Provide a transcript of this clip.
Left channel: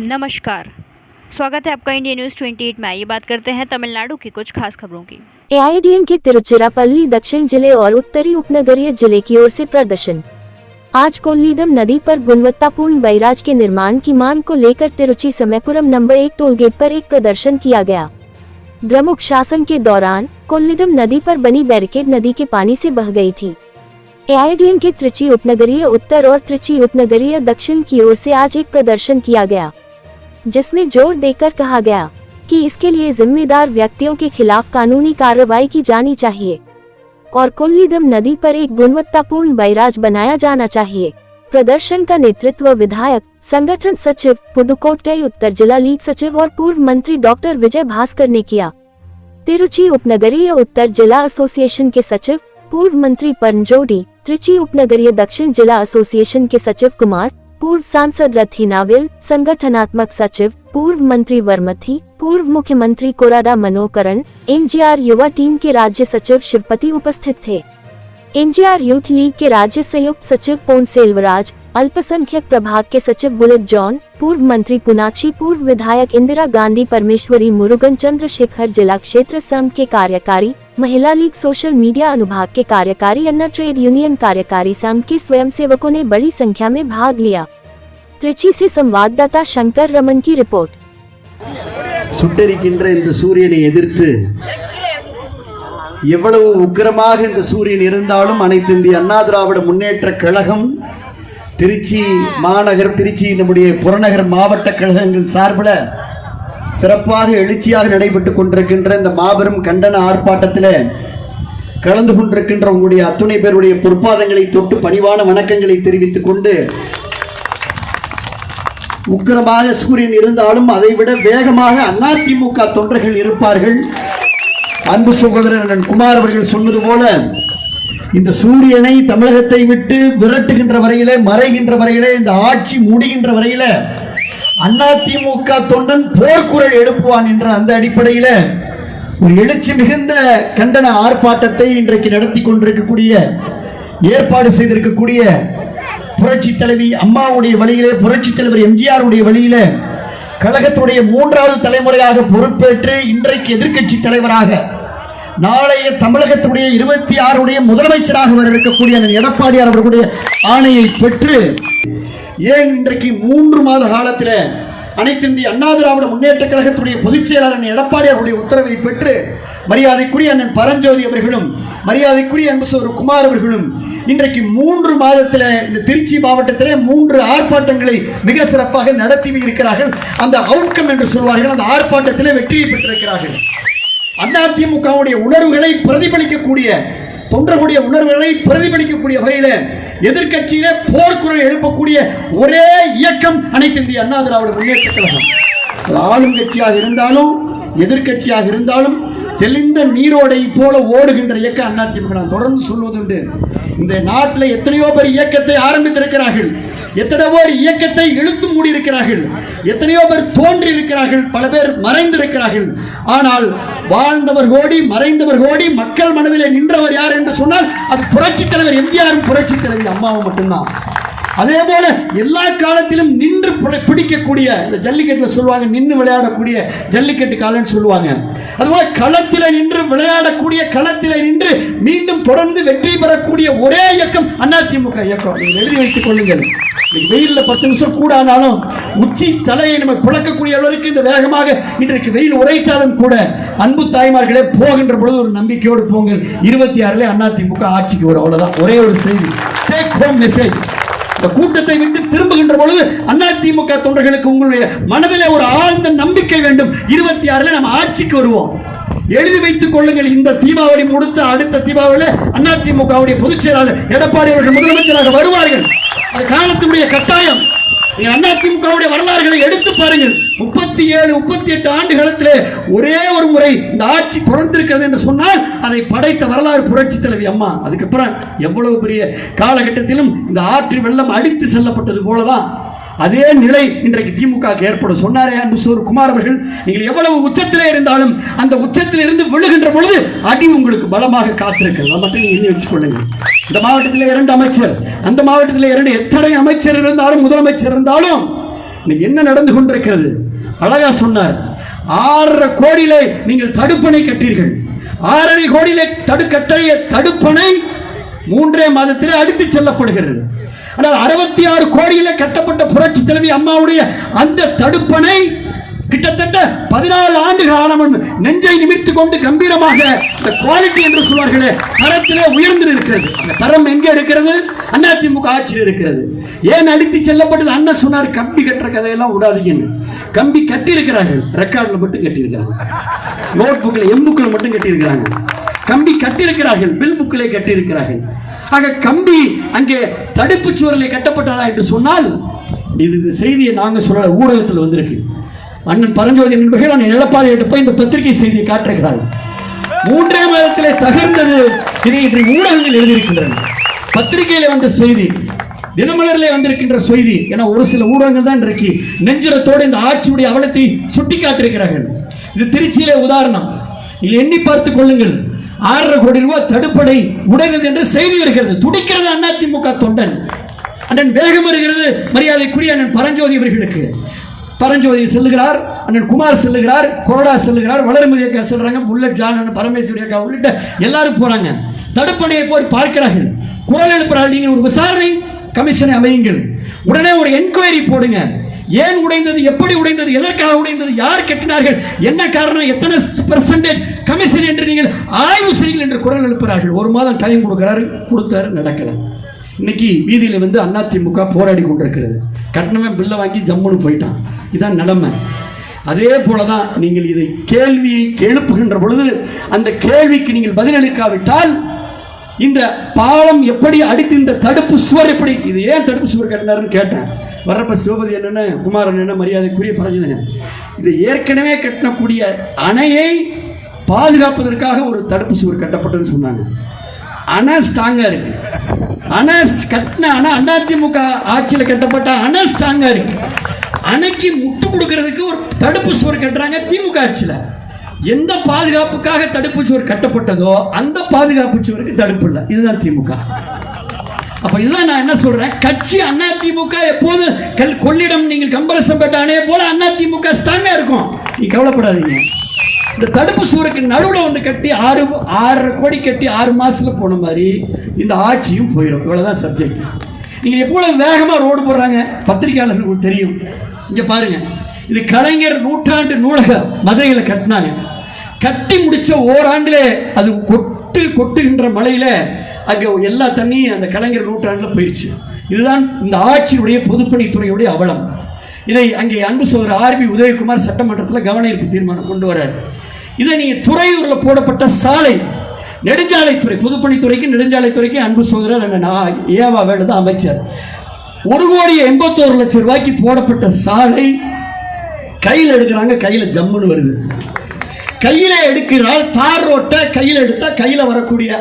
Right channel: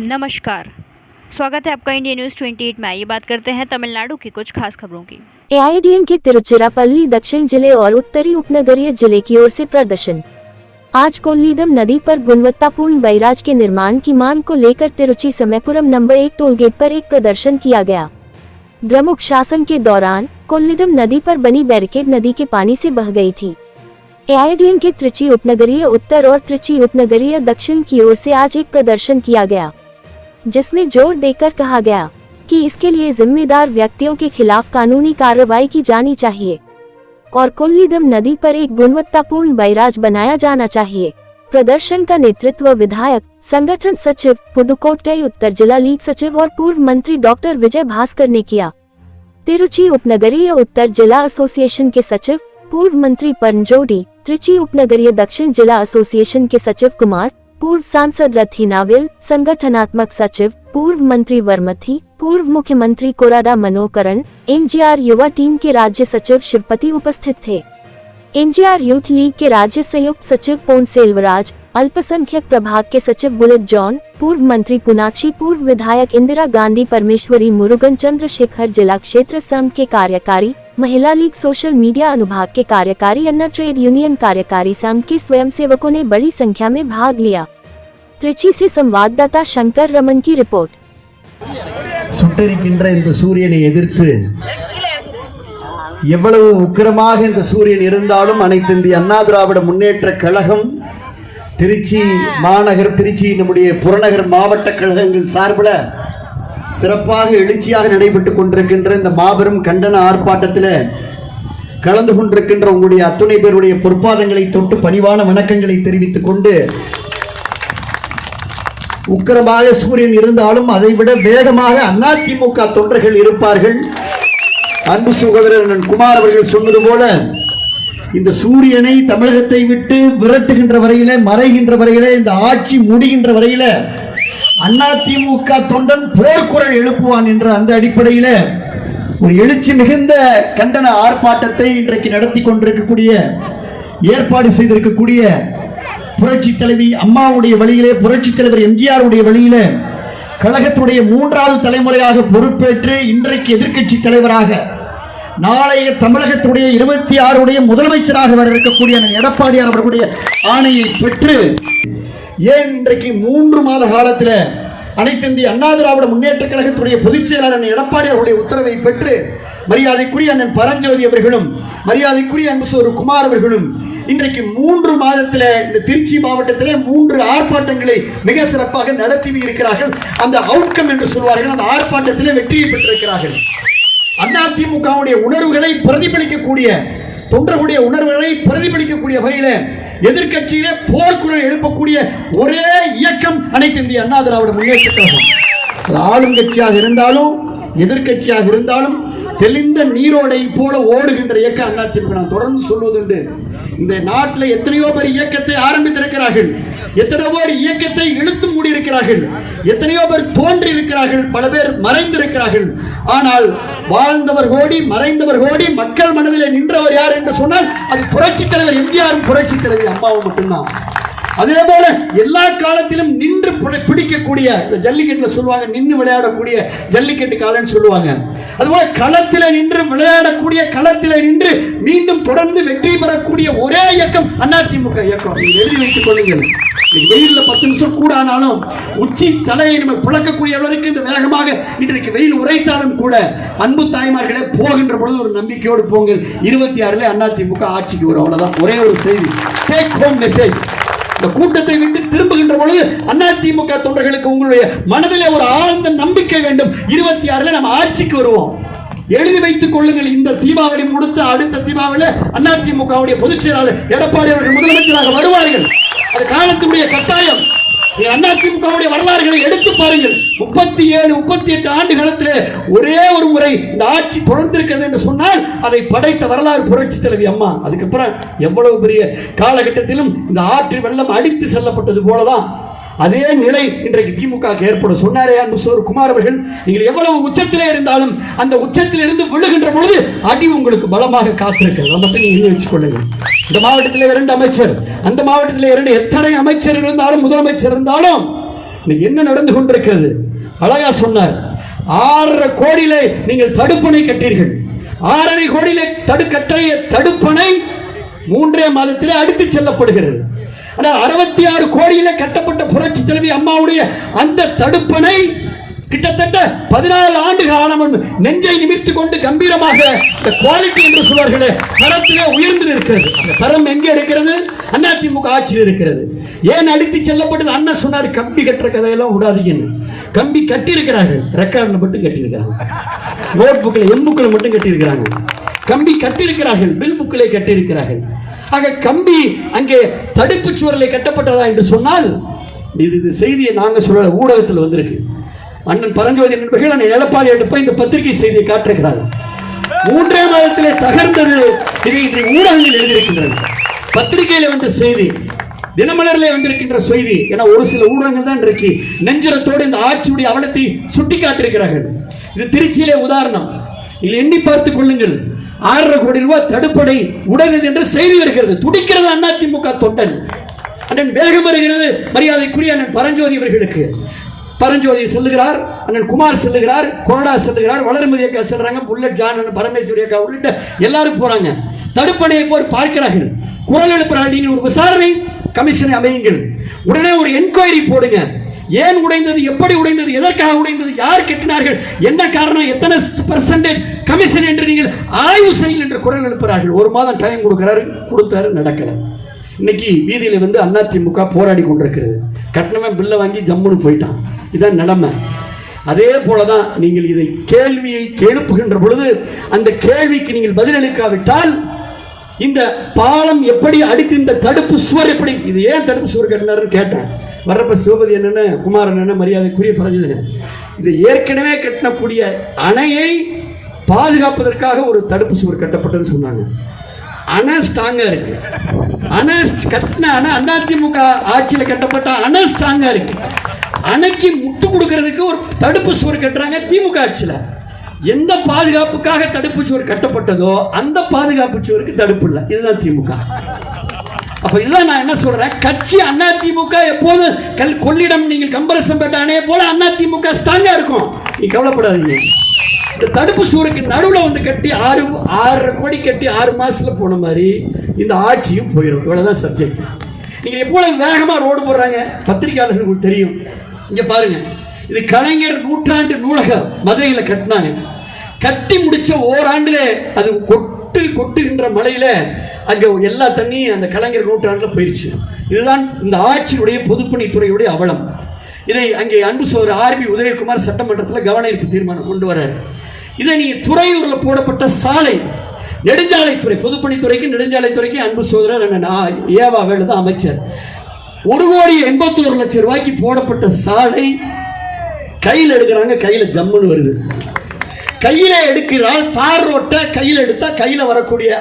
नमस्कार, स्वागत है आपका इंडिया न्यूज़ 28 में। ये बात करते हैं तमिलनाडु की कुछ खास खबरों की। एआईएडीएमके तिरुचिरापल्ली दक्षिण जिले और उत्तरी उपनगरीय जिले की ओर से प्रदर्शन। आज कोल्लीदम नदी पर गुणवत्तापूर्ण बैराज के निर्माण की मांग को लेकर तिरुचि समयपुरम नंबर 1 टोलगेट पर एक प्रदर्शन किया गया। द्रमुक शासन के दौरान कोल्लीदम नदी पर बनी बैरिकेड नदी के पानी से बह गई थी। एआईएडीएमके त्रिची उपनगरीय उत्तर और त्रिची उपनगरीय दक्षिण की ओर से आज एक प्रदर्शन किया गया, जिसमें जोर देकर कहा गया कि इसके लिए जिम्मेदार व्यक्तियों के खिलाफ कानूनी कार्रवाई की जानी चाहिए और कोल्लीदम नदी पर एक गुणवत्तापूर्ण बैराज बनाया जाना चाहिए। प्रदर्शन का नेतृत्व विधायक, संगठन सचिव, पुदुकोट्टई उत्तर जिला लीग सचिव और पूर्व मंत्री डॉक्टर विजय भास्कर ने किया। तिरुचि उपनगरीय उत्तर जिला एसोसिएशन के सचिव, पूर्व मंत्री परंजोडी, त्रिची उपनगरीय दक्षिण जिला एसोसिएशन के सचिव कुमार, पूर्व सांसद रथी नाविल, संगठनात्मक सचिव, पूर्व मंत्री वर्मथी, पूर्व मुख्यमंत्री कोरादा मनोकरण, एनजीआर युवा टीम के राज्य सचिव शिवपति उपस्थित थे। एनजीआर यूथ लीग के राज्य संयुक्त सचिव पोन सेल्वराज, अल्पसंख्यक प्रभाग के सचिव बुलेट जॉन, पूर्व मंत्री पुनाची, पूर्व विधायक इंदिरा गांधी परमेश्वरी, मुरुगन चंद्रशेखर, जिला क्षेत्र संघ के कार्यकारी, महिला लीग, सोशल मीडिया अनुभाग के कार्यकारी, अन्ना ट्रेड यूनियन कार्यकारी संघ के स्वयंसेवकों ने बड़ी संख्या में भाग लिया। त्रिची से संवाददाता शंकर रमन की रिपोर्ट। சுட்டரிக்கின்ற இந்த சூரியனை எதிர்த்து எவ்வளவு உக்கிரமாக இந்த சூரியன் இருந்தாலும் அனைத்து இந்திய அண்ணா திராவிட முன்னேற்ற கழகம் திருச்சி மாநகர், திருச்சி நம்முடைய புறநகர் மாவட்ட கழகங்கள் சார்பில் சிறப்பாக எழுச்சியாக நடைபெற்றுக் கொண்டிருக்கின்ற இந்த மாபெரும் கண்டன ஆர்ப்பாட்டத்தில் கலந்து கொண்டிருக்கின்ற உங்களுடைய அத்துணை பேருடைய பொற்பாதங்களை தொட்டு பணிவான வணக்கங்களை தெரிவித்துக் கொண்டு, உக்கிரமாக சூரியன் இருந்தாலும் அதைவிட வேகமாக அதிமுக தொண்டர்கள் இருப்பார்கள். அன்பு சகோதரர் குமார் அவர்கள் சொன்னது போல இந்த சூரியனை தமிழகத்தை விட்டு விரட்டுகின்ற வரையில, மறைகின்ற வரையில, இந்த ஆட்சி முடிகின்ற வரையில அதிமுக தொண்டன் போர்க்குரல் எழுப்புவான் என்ற அந்த அடிப்படையில ஒரு எழுச்சி மிகுந்த கண்டன ஆர்ப்பாட்டத்தை இன்றைக்கு நடத்தி கொண்டிருக்கக்கூடிய, ஏற்பாடு செய்திருக்கக்கூடிய புரட்சி தலைவி அம்மாவுடைய வழியிலே, புரட்சி தலைவர் எம்ஜிஆருடைய வழியிலே கழகத்துடைய 3வது தலைமுறையாக பொறுப்பேற்று இன்றைக்கு எதிர்க்கட்சி தலைவராக, நாளைய தமிழகத்துடைய 26 முதலமைச்சராக வர இருக்கக்கூடிய எடப்பாடியார் அவர்களுடைய ஆணையை பெற்று, ஏன் இன்றைக்கு 3 மாத காலத்தில் அனைத்து இந்திய அண்ணா திராவிட முன்னேற்ற கழகத்துடைய பொதுச் செயலாளர் எடப்பாடி அவருடைய உத்தரவை பெற்று மரியாதைக்குரிய அண்ணன் பரஞ்சோதி அவர்களும், மரியாதைக்குரிய அன்பு குமார் அவர்களும் இன்றைக்கு 3 மாதத்தில் இந்த திருச்சி மாவட்டத்திலே 3 ஆர்ப்பாட்டங்களை மிக சிறப்பாக நடத்தி இருக்கிறார்கள். அந்த அவுட்கம் என்று சொல்வார்கள், அந்த ஆர்ப்பாட்டத்திலே வெற்றியை பெற்றிருக்கிறார்கள். அதிமுகவுடைய உணர்வுகளை பிரதிபலிக்கக்கூடிய, தொண்டர்களுடைய உணர்வுகளை பிரதிபலிக்கக்கூடிய வகையில் எதிர்கட்சியிலே போர்க்குரல் எழுப்பக்கூடிய ஒரே இயக்கம் அனைத்து இந்திய அண்ணா திராவிட முன்னேற்ற கழகம். ஆளுங்கட்சியாக இருந்தாலும் எதிர்கட்சியாக இருந்தாலும் தெளிந்த நீரோடை போல ஓடுகின்ற இயக்கம் அதிமுக. நான் தொடர்ந்து சொல்வதுண்டு, இந்த நாட்டில் எத்தனையோ பேர் இயக்கத்தை ஆரம்பித்திருக்கிறார்கள், எத்தனையோ பேர் இயக்கத்தை இழுத்து மூடி இருக்கிறார்கள், எத்தனையோ பேர் தோன்றி இருக்கிறார்கள், பல பேர் மறைந்திருக்கிறார்கள். ஆனால் வாழ்ந்தவர் கோடி, மறைந்தவர் கோடி, மக்கள் மனதிலே நின்றவர் யார் என்று சொன்னால் அது புரட்சி தலைவர் எம்ஜிஆரும் புரட்சி தலைவர் அம்மாவும் மட்டும்தான். அதே போல எல்லா காலத்திலும் நின்று பிடிக்கக்கூடிய, ஜல்லிக்கட்டுல சொல்லுவாங்க நின்று விளையாடக்கூடிய ஜல்லிக்கட்டு காலன்னு சொல்லுவாங்க. அதுபோல களத்தில நின்று விளையாடக்கூடிய, களத்தில நின்று மீண்டும் தொடர்ந்து வெற்றி பெறக்கூடிய ஒரே இயக்கம் அதிமுக இயக்கம். எழுதி வைத்துக் கொள்ளுங்கள். வெயில்ல 10 நிமிஷம் கூட ஆனாலும் உச்சி தலையை நம்ம பிளக்கக்கூடிய அளவிற்கு இந்த வேகமாக இன்றைக்கு வெயில் உரைத்தாலும் கூட, அன்பு தாய்மார்களே, போகின்ற பொழுது ஒரு நம்பிக்கையோடு போங்கள். 26 அதிமுக ஆட்சிக்கு வரும். அவ்வளவுதான், ஒரே ஒரு செய்தி, டேக் ஹோம் மெசேஜ். இந்த கூட்டத்தை விட்டு திரும்புகின்ற பொழுது அதிமுக தொண்டர்களுக்கு உங்களுடைய மனதிலே ஒரு ஆழ்ந்த நம்பிக்கை வேண்டும். 26 நாம் ஆட்சிக்கு வருவோம். எழுதி வைத்துக் கொள்ளுங்கள். இந்த தீபாவளி முடித்த அடுத்த தீபாவளி அதிமுகவுடைய பொதுச் செயலாளர் எடப்பாடி அவர்கள் முதலமைச்சராக வருவார்கள். அது காலத்துடைய கட்டாயம். அதிமுகவுடைய வரலாறுகளை எடுத்து பாருங்கள். 37, 38 ஆண்டு காலத்திலே ஒரே ஒரு முறை இந்த ஆட்சி தொடர்ந்திருக்கிறது என்று சொன்னால் அதை படைத்த வரலாறு புரட்சி தலைவி அம்மா. அதுக்கப்புறம் எவ்வளவு பெரிய காலகட்டத்திலும் இந்த ஆற்று வெள்ளம் அடித்து செல்லப்பட்டது போலதான் அதே நிலை இன்றைக்கு திமுக ஏற்படும். சொன்னாரே அன்பு குமார் அவர்கள், நீங்கள் எவ்வளவு உச்சத்திலே இருந்தாலும் அந்த உச்சத்தில் இருந்து விழுகின்ற பொழுது அடி உங்களுக்கு பலமாக காத்திருக்கிறது. அதை மட்டும் நீங்க வச்சுக் கொள்ளுங்கள். இந்த மாவட்டத்தில் 2 அமைச்சர், அந்த மாவட்டத்தில் 2, எத்தனை அமைச்சர் இருந்தாலும் முதலமைச்சர் இருந்தாலும் இன்னைக்கு என்ன நடந்து கொண்டிருக்கிறது? அழகா சொன்னார். 6.5 கோடியில நீங்கள் தடுப்பணை கட்டீர்கள். 6.5 கோடியில கட்டிய தடுப்பணை 3 மாதத்தில் அடித்து செல்லப்படுகிறது. ஆனால் 66 கோடியில கட்டப்பட்ட புரட்சி தலைவி அம்மாவுடைய அந்த தடுப்பணை கிட்டத்தட்ட 14 ஆண்டுகள் ஆன நெஞ்சை நிமிர்த்து கொண்டு கம்பீரமாக குவாலிட்டி என்று சொல்வார்களே, தரத்திலே உயர்ந்து இருக்கிறது. அந்த தரம் எங்கே இருக்கிறது? அதிமுக ஆட்சியில் இருக்கிறது. ஏன் அடித்து செல்லப்பட்டது? அண்ணன் சொன்னார், கம்பி கட்டுற கதையெல்லாம் விடாதீங்கன்னு. கம்பி கட்டி இருக்கிறார்கள், ரெக்கார்டில் மட்டும் கட்டி இருக்கிறாங்க, நோட் புக்கில் எம்புக்கில் மட்டும் கட்டி இருக்கிறாங்க. கம்பி கட்டி இருக்கிறார்கள், பில் புக்கிலே கட்டி இருக்கிறார்கள். ஆக கம்பி அங்கே தடுப்பு சுவரிலே கட்டப்பட்டதா என்று சொன்னால், இது செய்தியை நாங்கள் சொல்ல ஊடகத்தில் வந்திருக்கு. அண்ணன் பரஞ்சோதி நண்பர்கள் எடப்பாடி எடுப்ப இந்த பத்திரிகை செய்தியை காட்டுகிறார்கள். 3 மாதத்திலே தகர்ந்தது. இதை ஊடகங்கள் எழுதியிருக்கின்றன. பத்திரிகையில வந்த செய்தி, தினமலரிலே வந்திருக்கின்ற செய்தி. என ஒரு சில ஊடகங்கள் தான் இன்றைக்கு நெஞ்சுரத்தோடு இந்த ஆட்சியுடைய அவலத்தை சுட்டி காட்டிருக்கிறார்கள். இது திருச்சியிலே உதாரணம். நீங்கள் எண்ணி பார்த்துக் கொள்ளுங்கள். 6.5 கோடி ரூபாய் தடுப்படை உடைந்தது என்று செய்தி வருகிறது. துடிக்கிறது அதிமுக தொண்டன். அண்ணன் வேகம் வருகிறது மரியாதைக்குரிய அண்ணன் பரஞ்சோதி அவர்களுக்கு. பரஞ்சோதி செல்லுகிறார், அண்ணன் குமார் செல்லுகிறார், கோடா செல்லுகிறார், வளர்மதி அக்கா செல்றாங்க, புல்லட் ஜான், பரமேஸ்வரி அக்கா உள்ளிட்ட எல்லாரும் போறாங்க. தடுப்பணையை போய் பார்க்கிறார்கள். குரல் எழுப்புறார்கள், நீங்க ஒரு விசாரணை கமிஷனை அமையுங்கள், உடனே ஒரு என்கொயரி போடுங்க. ஏன் உடைந்தது, எப்படி உடைந்தது, எதற்காக உடைந்தது, யார் கட்டினார்கள், என்ன காரணம், எத்தனை பெர்சன்டேஜ் கமிஷன் என்று நீங்கள் ஆய்வு செய்யுங்கள் என்று குரல் எழுப்புறார்கள். 1 மாதம் டைம் கொடுக்கிறாரு, கொடுத்தாரு, நடக்கல. இன்னைக்கு வீதியில வந்து அதிமுக போராடி கொண்டிருக்கிறது. கட்டணமே பில்லை வாங்கி ஜம்முன்னு போயிட்டான். இதான் நிலைமை. அதே போலதான் நீங்கள் இதை கேள்வியை எழுப்புகின்ற பொழுது அந்த கேள்விக்கு நீங்கள் பதிலளிக்காவிட்டால் இந்த பாலம் எப்படி அடித்து, இந்த தடுப்பு சுவர் எப்படி, இது ஏன் தடுப்பு சுவர் கட்டினாருன்னு கேட்டேன். வர்றப்ப சிவபதி என்னென்ன, குமாரன் என்ன, மரியாதைக்குரிய பரஞ்சோதி, இது ஏற்கனவே கட்டக்கூடிய அணையை பாதுகாப்பதற்காக ஒரு தடுப்பு சுவர் கட்டப்பட்டதுன்னு சொன்னாங்க. அணை ஸ்ட்ராங்கா இருக்கு. அணை கட்டின அணை அதிமுக ஆட்சியில் கட்டப்பட்ட அணை ஸ்ட்ராங்கா இருக்கு. அணைக்கு முட்டு கொடுக்கிறதுக்கு ஒரு தடுப்பு சுவர் கட்டுறாங்க திமுக ஆட்சியில். எந்த பாதுகாப்புக்காக தடுப்பு சுவர் கட்டப்பட்டதோ அந்த பாதுகாப்பு சுவருக்கு தடுப்பு இல்லை. இதுதான் திமுக. அப்ப இதுதான் நான் என்ன சொல்றேன், கட்சி அதிமுக எப்போதும் கொள்ளிடம் நீங்கள் கம்பரசம்பேட்டை அணையை போல அதிமுக ஸ்ட்ராங்கா இருக்கும். நீ கவலைப்படாதீங்க. இந்த தடுப்பு சுவருக்கு நடுவில் வந்து கட்டி 6.5 கோடி கட்டி 6 மாசத்துல போன மாதிரி இந்த ஆட்சியும் போயிடும். இவ்வளவுதான் சப்ஜெக்ட். நீங்க எவ்வளவு வேகமா ரோடு போடுறாங்க பத்திரிகையாளர்களுக்கு தெரியும். இங்க பாருங்க, இது கலைஞர் நூற்றாண்டு நூலகம் மதுரையில் கட்டினாங்க. கட்டி முடிச்ச ஓராண்டிலே அது கொட்டுகின்ற மழையில அங்க எல்லா தண்ணியும் அந்த கலைஞர் நூற்றாண்டுல போயிடுச்சு. இதுதான் இந்த ஆட்சியுடைய பொதுப்பணித்துறையுடைய அவலம். இதை அங்கே அன்பு சோதரர் ஆர்பி உதயகுமார் சட்டமன்றத்தில் கவன ஈர்ப்பு தீர்மானம் கொண்டு வர. இதை நீங்க துறையூர்ல போடப்பட்ட சாலை, நெடுஞ்சாலைத்துறை, பொதுப்பணித்துறைக்கு நெடுஞ்சாலைத்துறைக்கு அன்பு சோதரர் ஏவா வேலு தான் அமைச்சர். 1,81,00,000 ரூபாய்க்கு போடப்பட்ட சாலை கையில் எடுக்கிறாங்க, கையில ஜம்முன்னு வருது. கையில எடுக்கிறால் தார் ரோட்டை கையில் எடுத்தா கையில வரக்கூடிய